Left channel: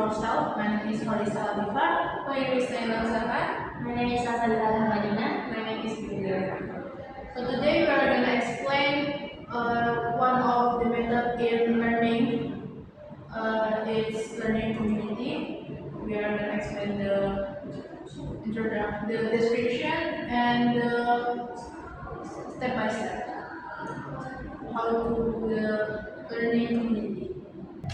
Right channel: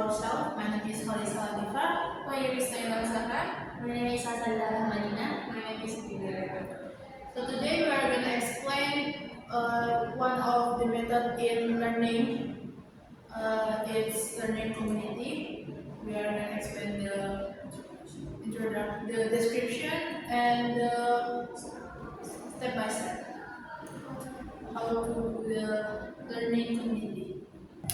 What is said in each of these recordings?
ourselves. My name is Marisa Alifar. My name is Naila Zahar. My name is Hasan Dalam Madina. My name is Vidya. So today we are going to explain one of the method in learning. It's learning community. We are going to explain the description and step by step how to do the learning community.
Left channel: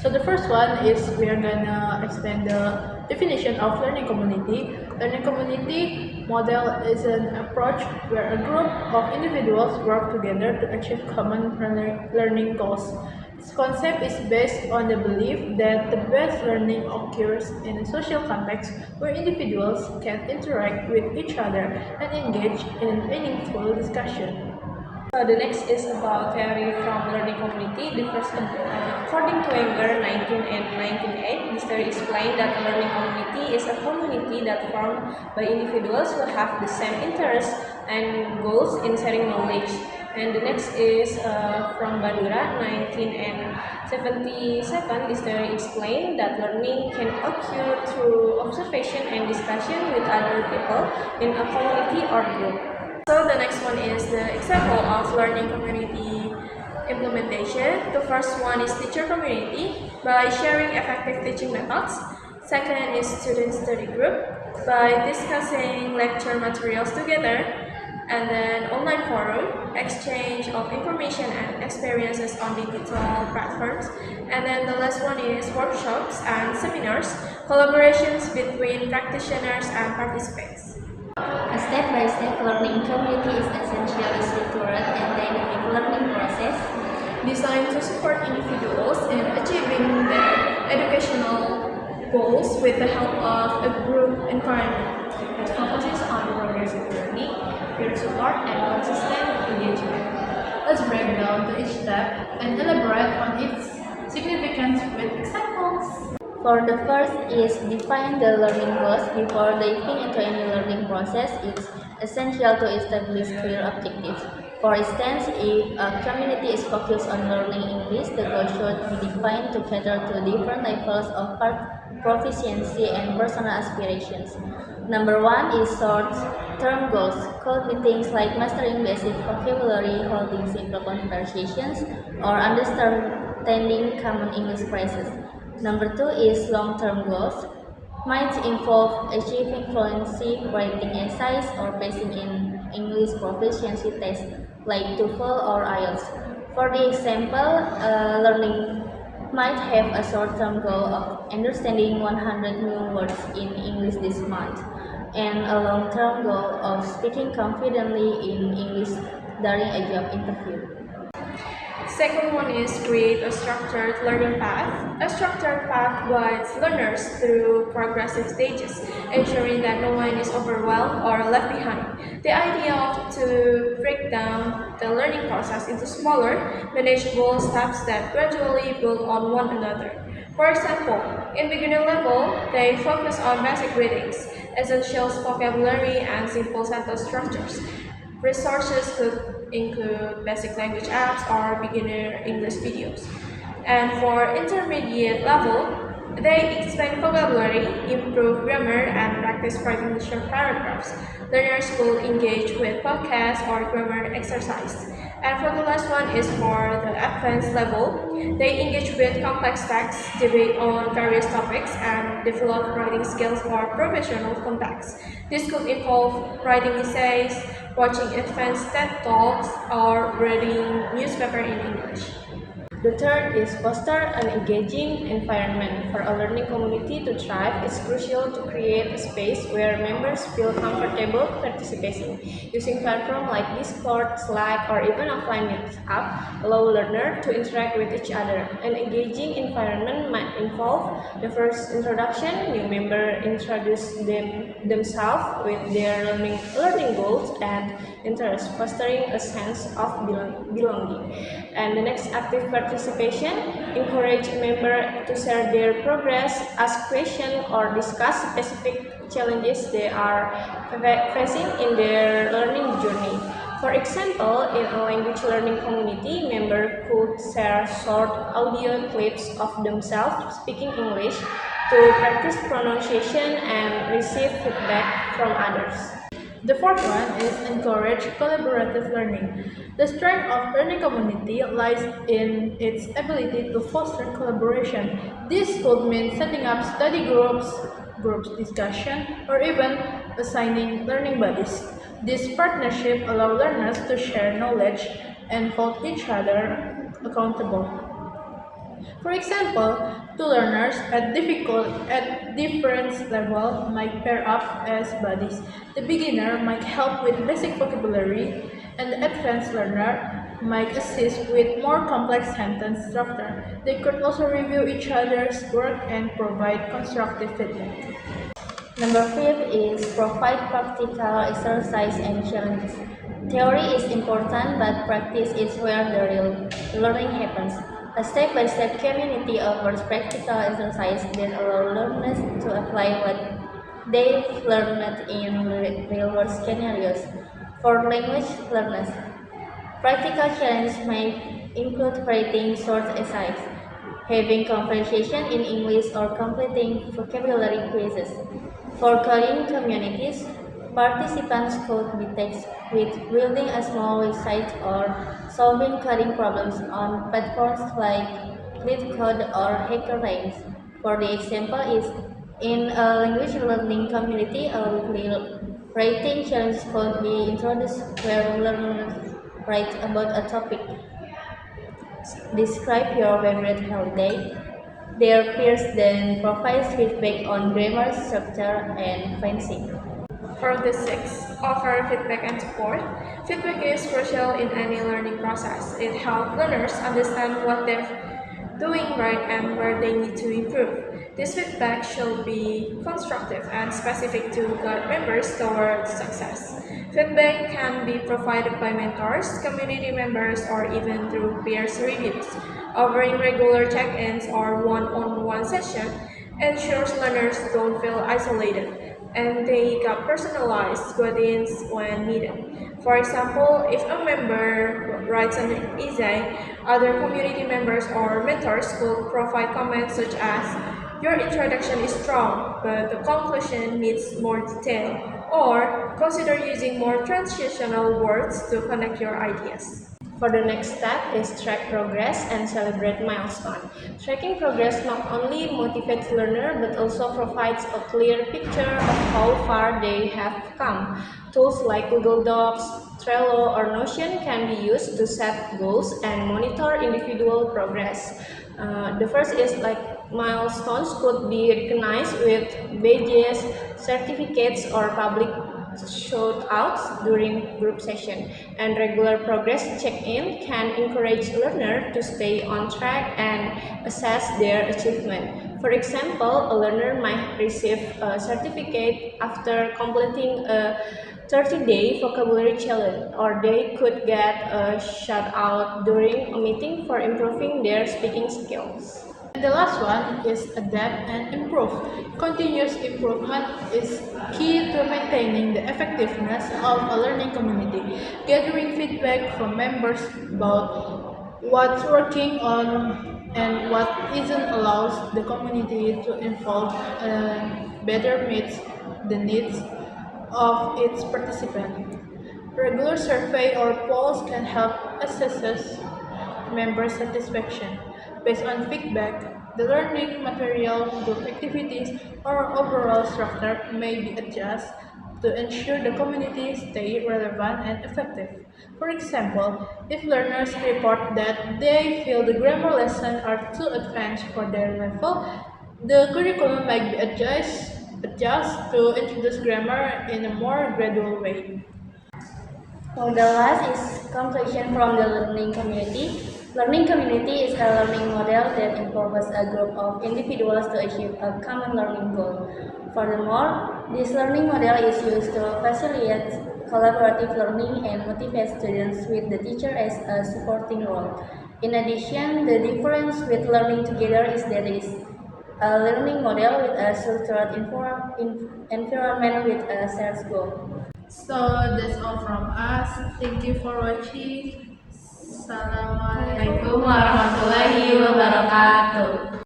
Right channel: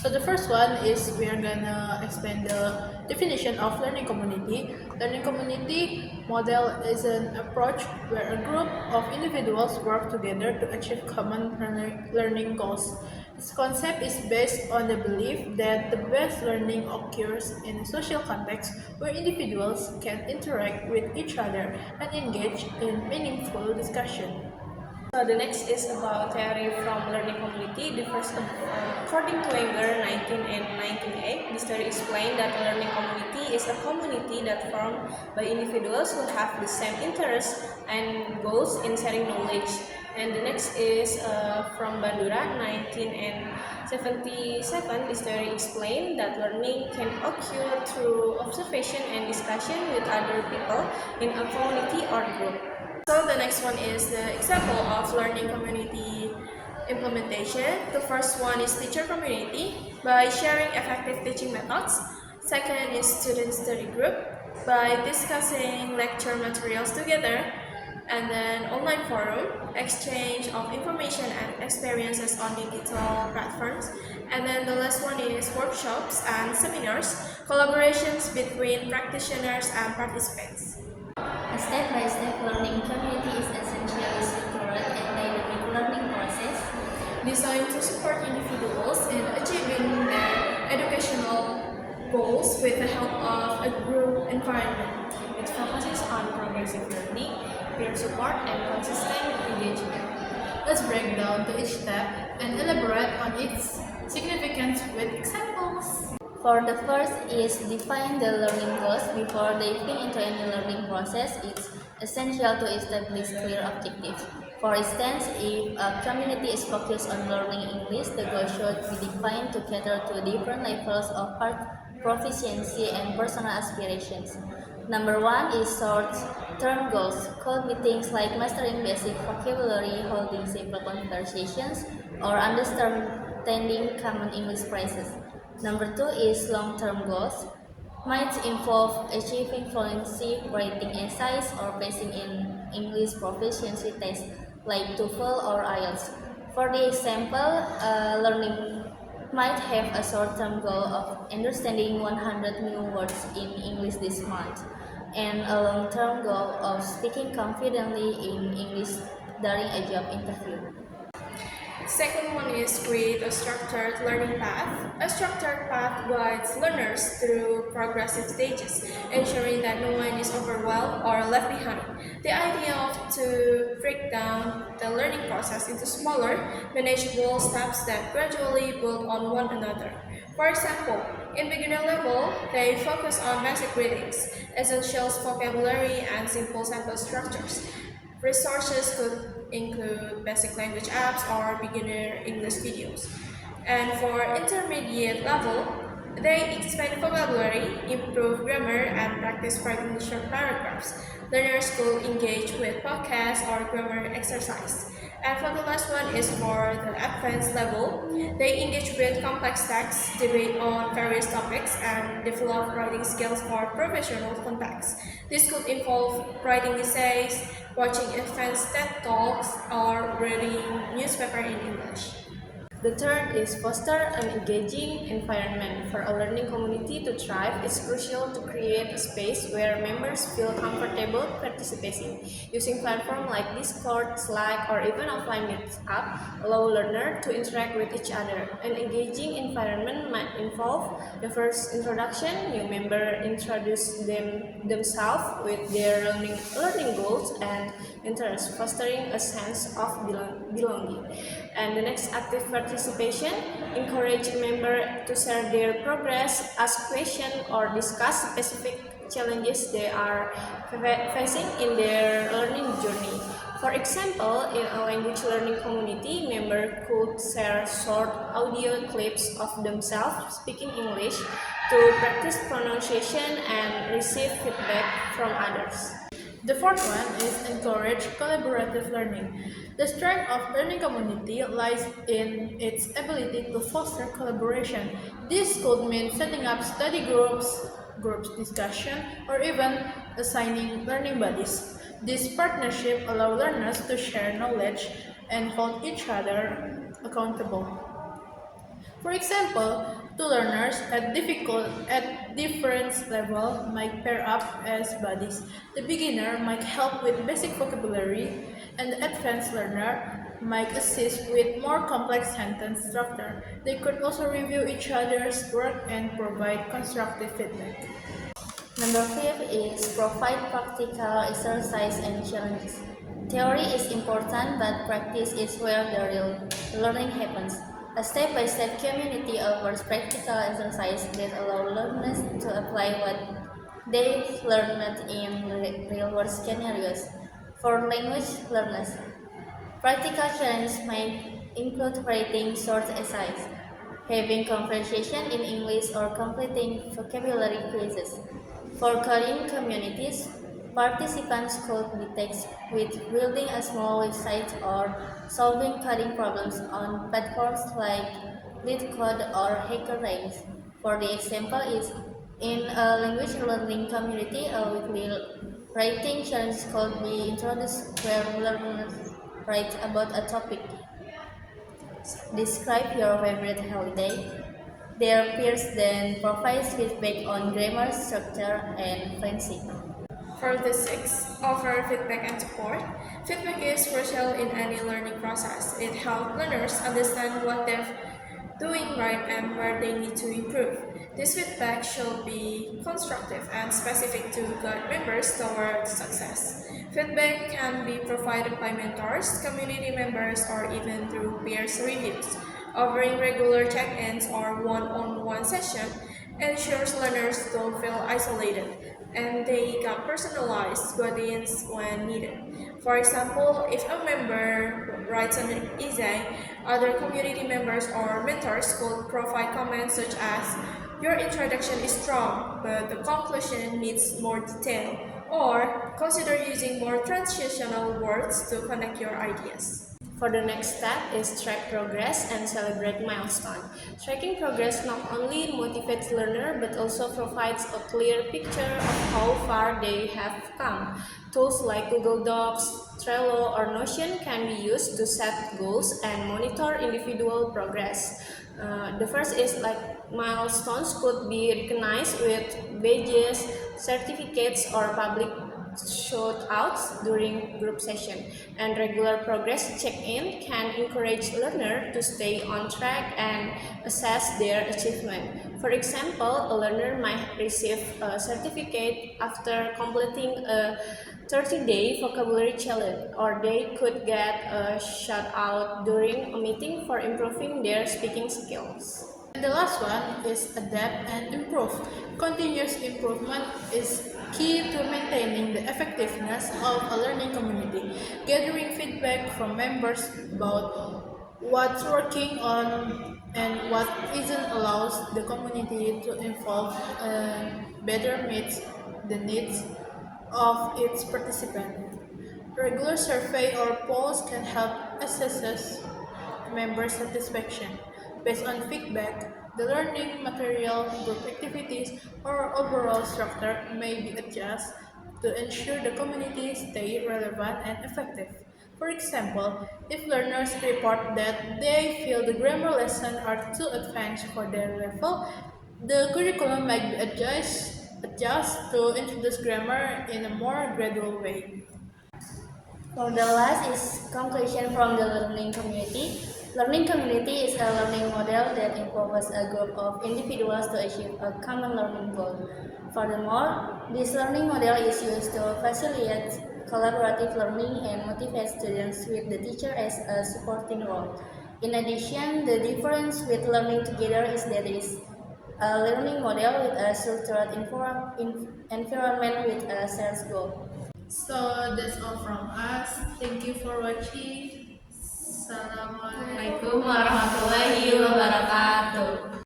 So the first one is we are gonna explain the definition of learning community. Learning community model is an approach where a group of individuals work together to achieve common learning goals. This concept is based on the belief that the best learning occurs in a social context where individuals can interact with each other and engage in meaningful discussion. The next is about theory from learning community. The first one, according to Weber, 1998, this theory explained that a learning community is a community that formed by individuals who have the same interests and goals in sharing knowledge. And the next is from Bandura, 1977. This theory explained that learning can occur through observation and discussion with other people in a community or group. So the next one is the example of learning community implementation. The first one is teacher community by sharing effective teaching methods. Second is student study group by discussing lecture materials together. And then online forum, exchange of information and experiences on digital platforms. And then the last one is workshops and seminars, collaborations between practitioners and participants. A step-by-step learning community is essentially structured and dynamic learning process designed to support individuals in achieving their educational goals with the help of a group environment. It focuses on progressive learning, peer support, and consistent engagement. Let's break down to each step and elaborate on its significance with examples. For the first is define the learning goals. Before diving into any learning process, it's essential to establish clear objectives. For instance, if a community is focused on learning English, the goal should be defined to cater to different levels of proficiency and personal aspirations. Number one is short-term goals. Could be things like mastering basic vocabulary, holding simple conversations, or understanding common English phrases. Number two is long-term goals. Might involve achieving fluency, writing essays, or passing in English proficiency tests like TOEFL or IELTS. For the example, learning might have a short-term goal of understanding 100 new words in English this month, and a long-term goal of speaking confidently in English during a job interview. Second one is create a structured learning path. A structured path guides learners through progressive stages, ensuring that no one is overwhelmed or left behind. The idea of to break down the learning process into smaller, manageable steps that gradually build on one another. For example, in beginner level, they focus on basic readings, essentials vocabulary, and simple sentence structures. Resources could include basic language apps or beginner English videos. And for intermediate level, they expand vocabulary, improve grammar, and practice writing short paragraphs. Learners will engage with podcasts or grammar exercise. And for the last one is for the advanced level. They engage with complex texts, debate on various topics, and develop writing skills for professional contexts. This could involve writing essays, watching advanced TED Talks, or reading newspaper in English. The third is foster an engaging environment. For a learning community to thrive, it's crucial to create a space where members feel comfortable participating. Using platforms like Discord, Slack, or even offline meetup allow learners to interact with each other. An engaging environment might involve the first introduction. New members introduce themselves with their learning goals and interests, fostering a sense of belonging. And the next, active participation. Encourage members to share their progress, ask questions, or discuss specific challenges they are facing in their learning journey. For example, in a language learning community, members could share short audio clips of themselves speaking English, to practice pronunciation and receive feedback from others. The fourth one is encourage collaborative learning. The strength of learning community lies in its ability to foster collaboration. This could mean setting up study groups discussion, or even assigning learning buddies. This partnership allows learners to share knowledge and hold each other accountable. For example, two learners at different level might pair up as buddies. The beginner might help with basic vocabulary, and the advanced learner might assist with more complex sentence structure. They could also review each other's work and provide constructive feedback. Number 5 is provide practical exercise and challenges. Theory is important, but practice is where the real learning happens. A step-by-step community offers practical exercise that allow learners to apply what they've learned in real-world scenarios. For language learners, practical challenges may include writing short essays, having conversation in English, or completing vocabulary quizzes. For coding communities, participants could be tasked with building a small website or solving coding problems on platforms like LeetCode or HackerRanks. For the example is in a language learning community, a weekly writing challenge could be introduced where learners write about a topic. Describe your favorite holiday. Their peers then provides feedback on grammar, structure, and phrasing. For the sixth, offer feedback and support. Feedback is crucial in any learning process. It helps learners understand what they're doing right and where they need to improve. This feedback should be constructive and specific to guide members toward success. Feedback can be provided by mentors, community members, or even through peers reviews. Offering regular check-ins or one-on-one session ensures learners don't feel isolated and they get personalized guidance when needed. For example, if a member writes an essay, other community members or mentors could provide comments such as, "Your introduction is strong, but the conclusion needs more detail," or "Consider using more transitional words to connect your ideas." For the next step is track progress and celebrate milestone. Tracking progress not only motivates learner but also provides a clear picture of how far they have come. Tools like Google Docs, Trello, or Notion can be used to set goals and monitor individual progress. The first is like milestones could be recognized with badges, certificates, or public shout-outs during group session, and regular progress check-in can encourage learners to stay on track and assess their achievement. For example, a learner might receive a certificate after completing a 30-day vocabulary challenge, or they could get a shout-out during a meeting for improving their speaking skills. And the last one is adapt and improve. Continuous improvement is key to maintaining the effectiveness of a learning community. Gathering feedback from members about what's working on and what isn't allows the community to evolve and better meet the needs of its participants. Regular survey or polls can help assess member satisfaction. Based on feedback, the learning material, group activities, or overall structure may be adjusted to ensure the community stay relevant and effective. For example, if learners report that they feel the grammar lessons are too advanced for their level, the curriculum might be adjust to introduce grammar in a more gradual way. For the last is conclusion from the learning community. Learning community is a learning model that involves a group of individuals to achieve a common learning goal. Furthermore, this learning model is used to facilitate collaborative learning and motivate students with the teacher as a supporting role. In addition, the difference with learning together is that it is a learning model with a structured environment with a shared goal. So that's all from us. Thank you for watching. Assalamualaikum.